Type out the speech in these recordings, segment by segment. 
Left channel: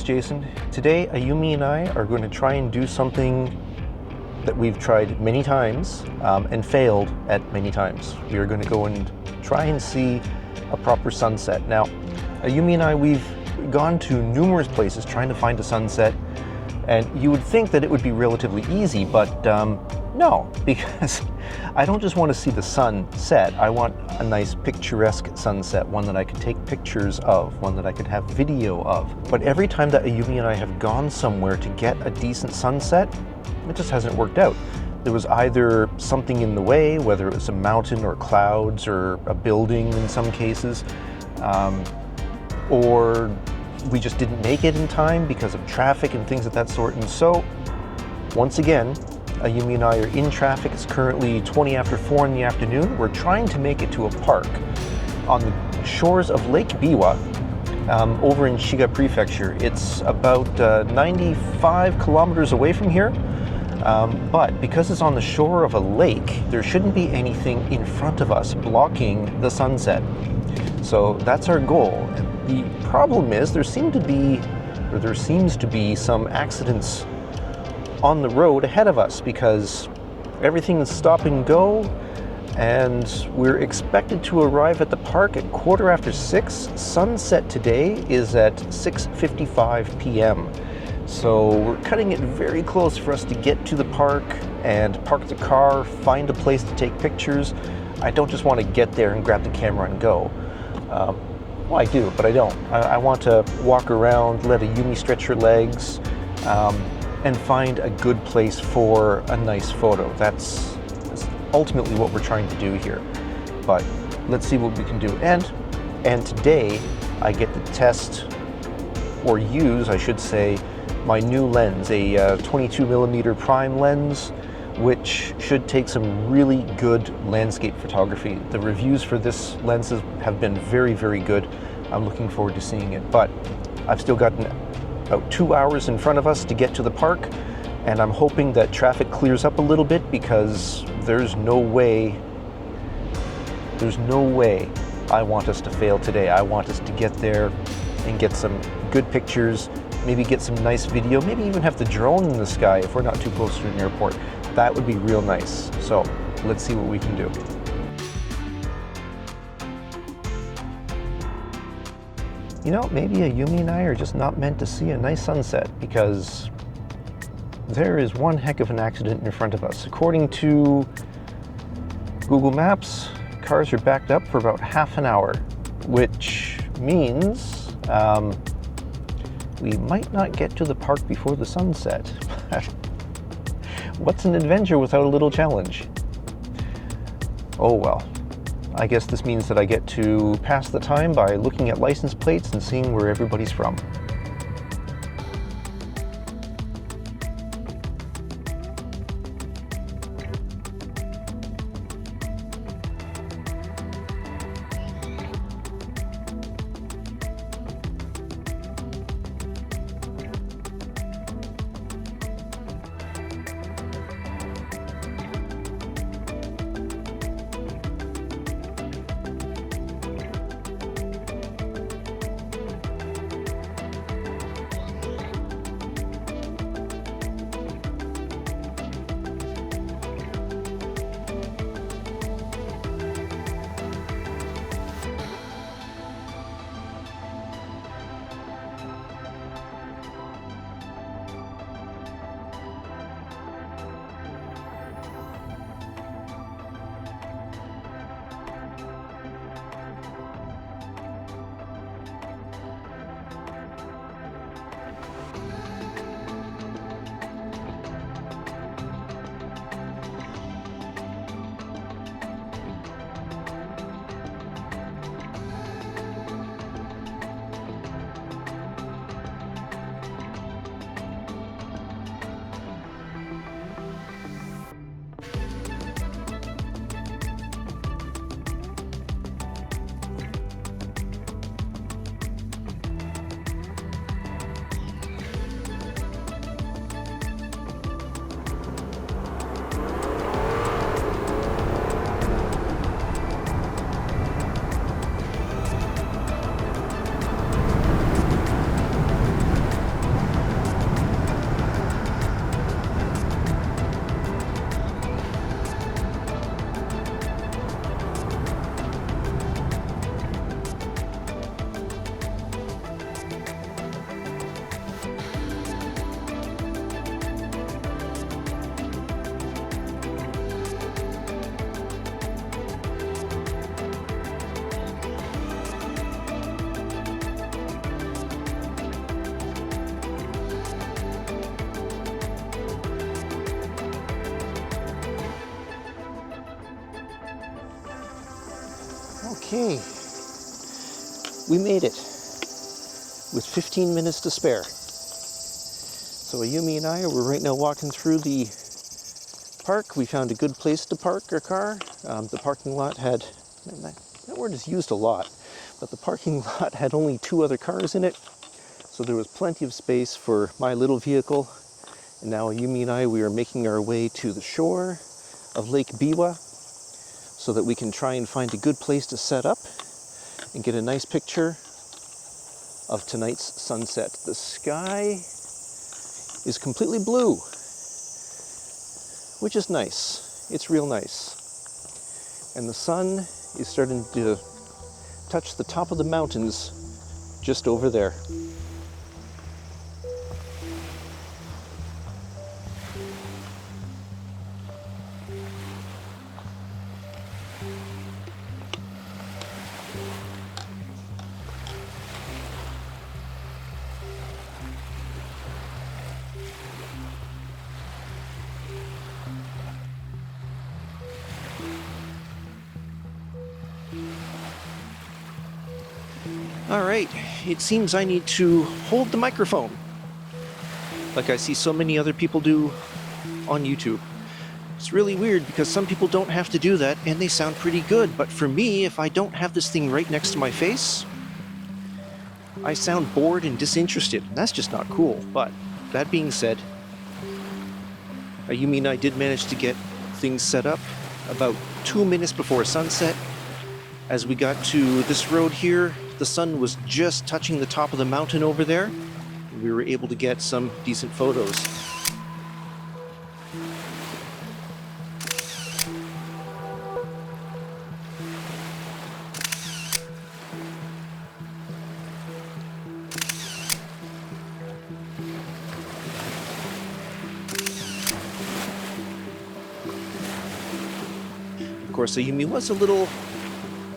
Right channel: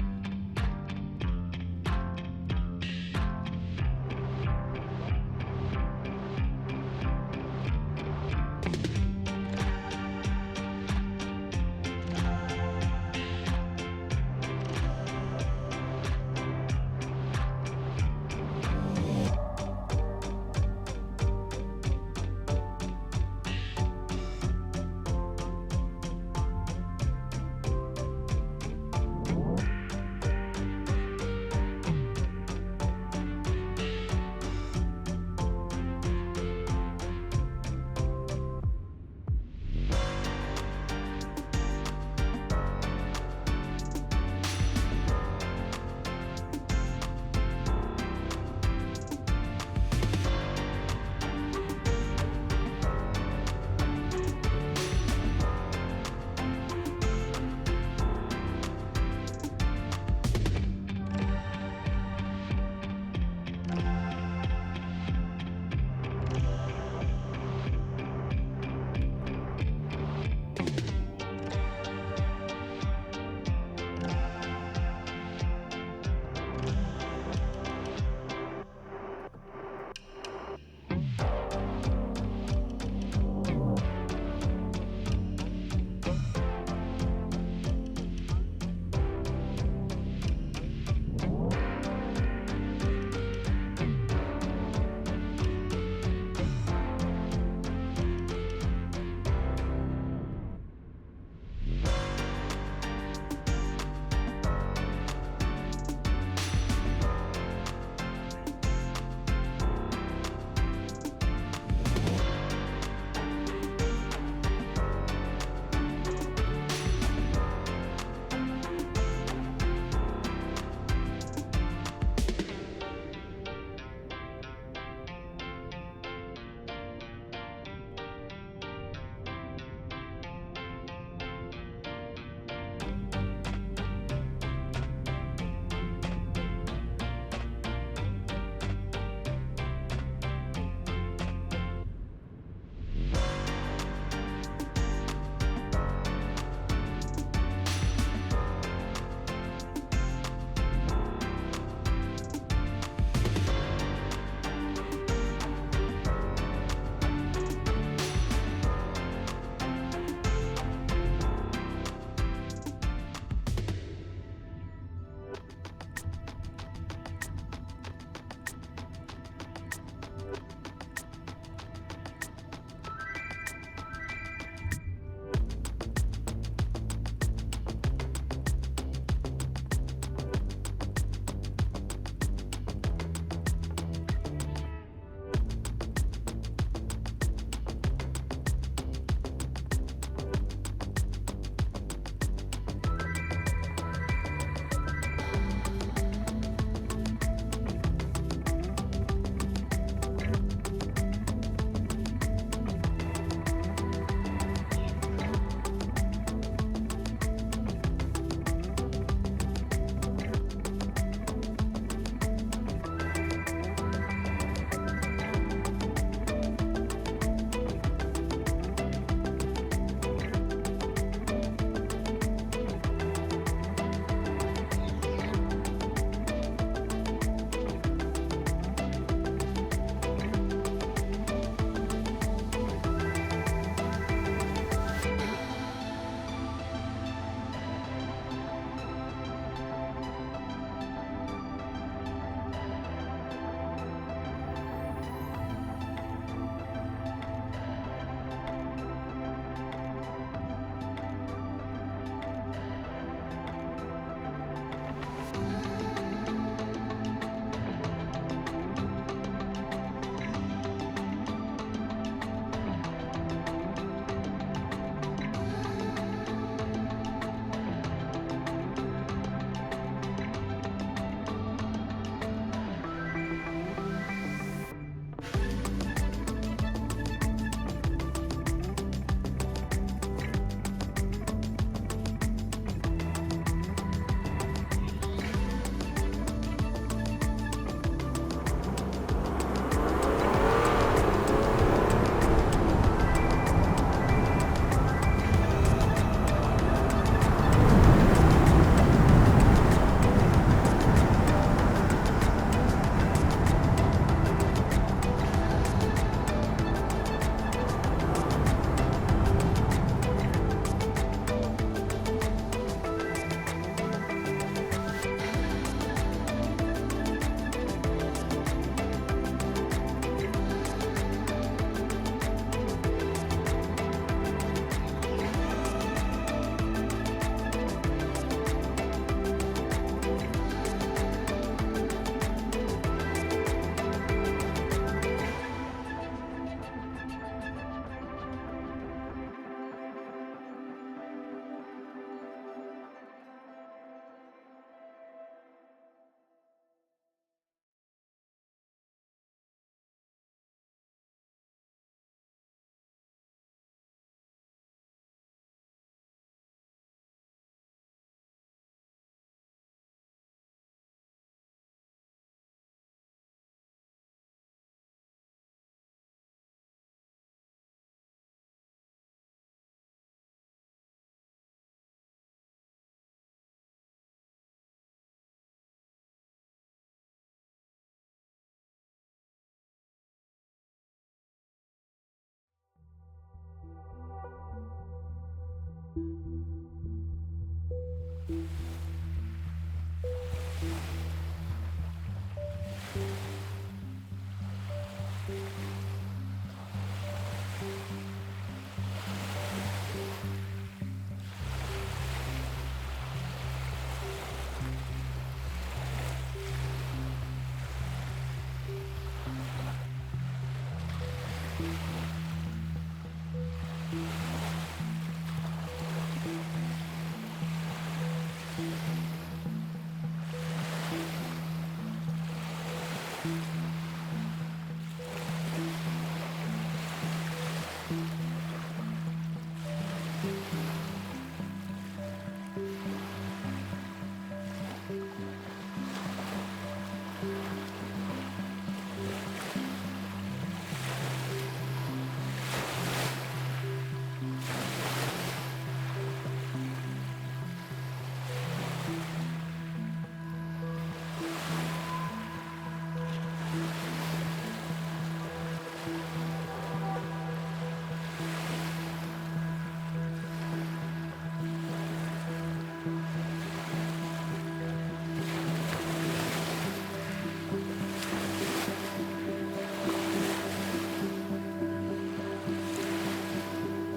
it's Jason. Today, Ayumi and I are going to try and do something that we've tried many times and failed at many times. We are going to go and try and see a proper sunset. Now, Ayumi and I, we've gone to numerous places trying to find a sunset, and you would think that it would be relatively easy, but no, because I don't just want to see the sun set. I want a nice picturesque sunset, one that I could take pictures of, one that I could have video of. But every time that Ayumi and I have gone somewhere to get a decent sunset, it just hasn't worked out. There was either something in the way, whether it was a mountain or clouds or a building in some cases, or we just didn't make it in time because of traffic and things of that sort. And so, once again, Ayumi and I are in traffic. It's currently 20 after 4 in the afternoon. We're trying to make it to a park on the shores of Lake Biwa over in Shiga Prefecture. It's about 95 kilometers away from here, but because it's on the shore of a lake, there shouldn't be anything in front of us blocking the sunset. So that's our goal. The problem is there seems to be some accidents on the road ahead of us because everything is stop and go, and we're expected to arrive at the park at 6:15. Sunset today is at 6:55 p.m. So we're cutting it very close for us to get to the park and park the car, find a place to take pictures. I don't just want to get there and grab the camera and go. Well, I do, but I don't. I want to walk around, let Ayumi stretch her legs, and find a good place for a nice photo. That's ultimately what we're trying to do here. But let's see what we can do. And today I get to test, or use, I should say, my new lens, a 22 millimeter prime lens, which should take some really good landscape photography. The reviews for this lens have been very, very good. I'm looking forward to seeing it. But I've still got about 2 hours in front of us to get to the park, and I'm hoping that traffic clears up a little bit because there's no way I want us to fail today. I want us to get there and get some good pictures, maybe get some nice video, maybe even have the drone in the sky if we're not too close to an airport. That would be real nice. So let's see what we can do. You know, maybe Ayumi and I are just not meant to see a nice sunset because there is one heck of an accident in front of us. According to Google Maps, cars are backed up for about half an hour, which means we might not get to the park before the sunset. What's an adventure without a little challenge? Oh well. I guess this means that I get to pass the time by looking at license plates and seeing where everybody's from. Okay, we made it with 15 minutes to spare. So Ayumi and I are right now walking through the park. We found a good place to park our car. The parking lot had, that word is used a lot, but the parking lot had only 2 other cars in it. So there was plenty of space for my little vehicle. And now Ayumi and I, we are making our way to the shore of Lake Biwa so that we can try and find a good place to set up and get a nice picture of tonight's sunset. The sky is completely blue, which is nice. It's real nice. And the sun is starting to touch the top of the mountains just over there. All right, it seems I need to hold the microphone, like I see so many other people do on YouTube. It's really weird because some people don't have to do that and they sound pretty good, but for me, if I don't have this thing right next to my face, I sound bored and disinterested. That's just not cool. But that being said, Ayumi and I did manage to get things set up about 2 minutes before sunset. As we got to this road here, the sun was just touching the top of the mountain over there. We were able to get some decent photos. Of course, Ayumi was a little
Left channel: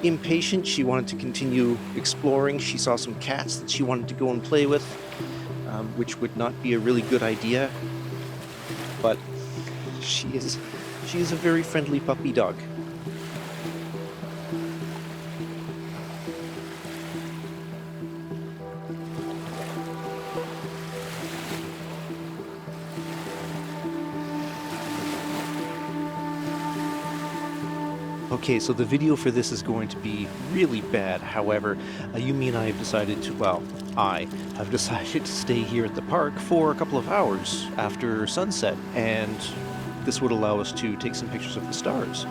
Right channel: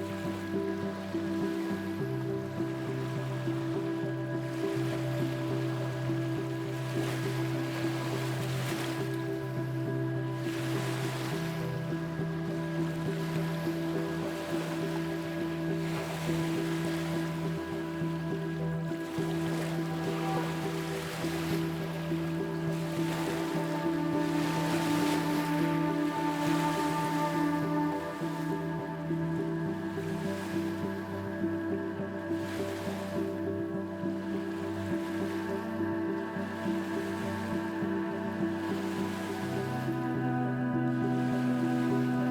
impatient. She wanted to continue exploring. She saw some cats that she wanted to go and play with, which would not be a really good idea. But she is a very friendly puppy dog. Okay, so the video for this is going to be really bad. However, Ayumi and I have decided to, I've decided to stay here at the park for a couple of hours after sunset, and this would allow us to take some pictures of the stars.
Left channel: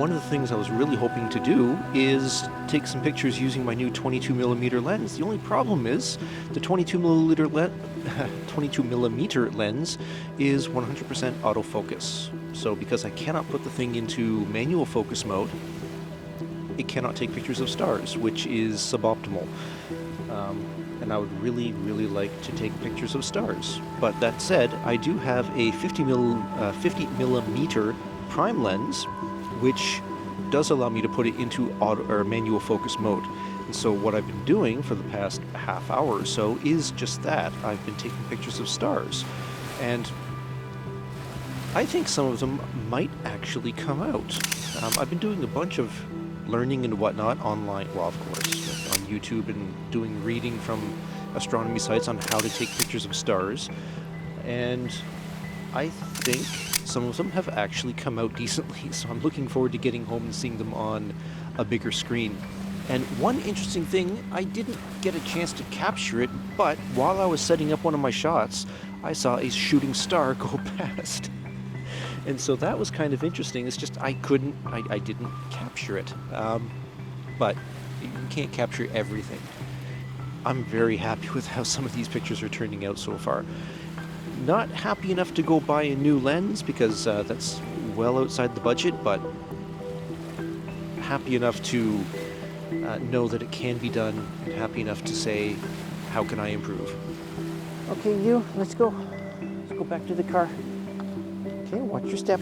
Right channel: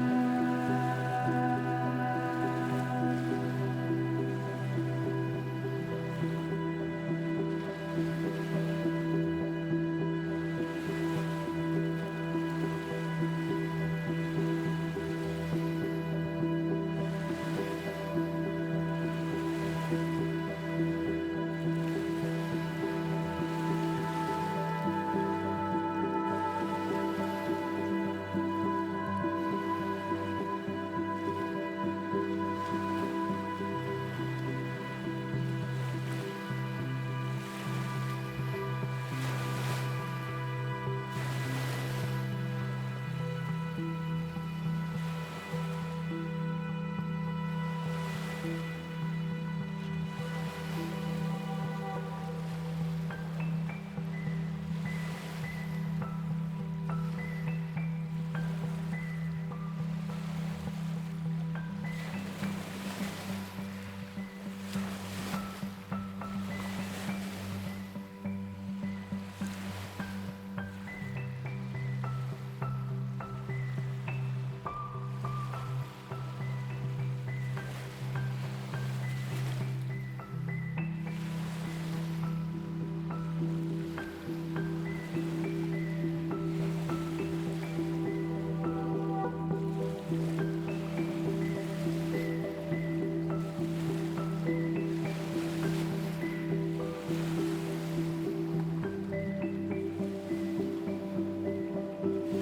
One of the things I was really hoping to do is take some pictures using my new 22mm lens. The only problem is the 22mm lens is 100% autofocus. So because I cannot put the thing into manual focus mode, it cannot take pictures of stars, which is suboptimal. And I would really, really like to take pictures of stars. But that said, I do have a 50mm prime lens, which does allow me to put it into manual focus mode. And so what I've been doing for the past half hour or so is just that. I've been taking pictures of stars. And I think some of them might actually come out. I've been doing a bunch of learning and whatnot online, well, of course, on YouTube, and doing reading from astronomy sites on how to take pictures of stars. And I think some of them have actually come out decently, so I'm looking forward to getting home and seeing them on a bigger screen. And one interesting thing, I didn't get a chance to capture it, but while I was setting up one of my shots, I saw a shooting star go past. And so that was kind of interesting. It's just I didn't capture it. But you can't capture everything. I'm very happy with how some of these pictures are turning out so far. Not happy enough to go buy a new lens because that's well outside the budget, but happy enough to know that it can be done. Happy enough to say, how can I improve? Okay, let's go. Let's go back to the car. Okay, watch your step.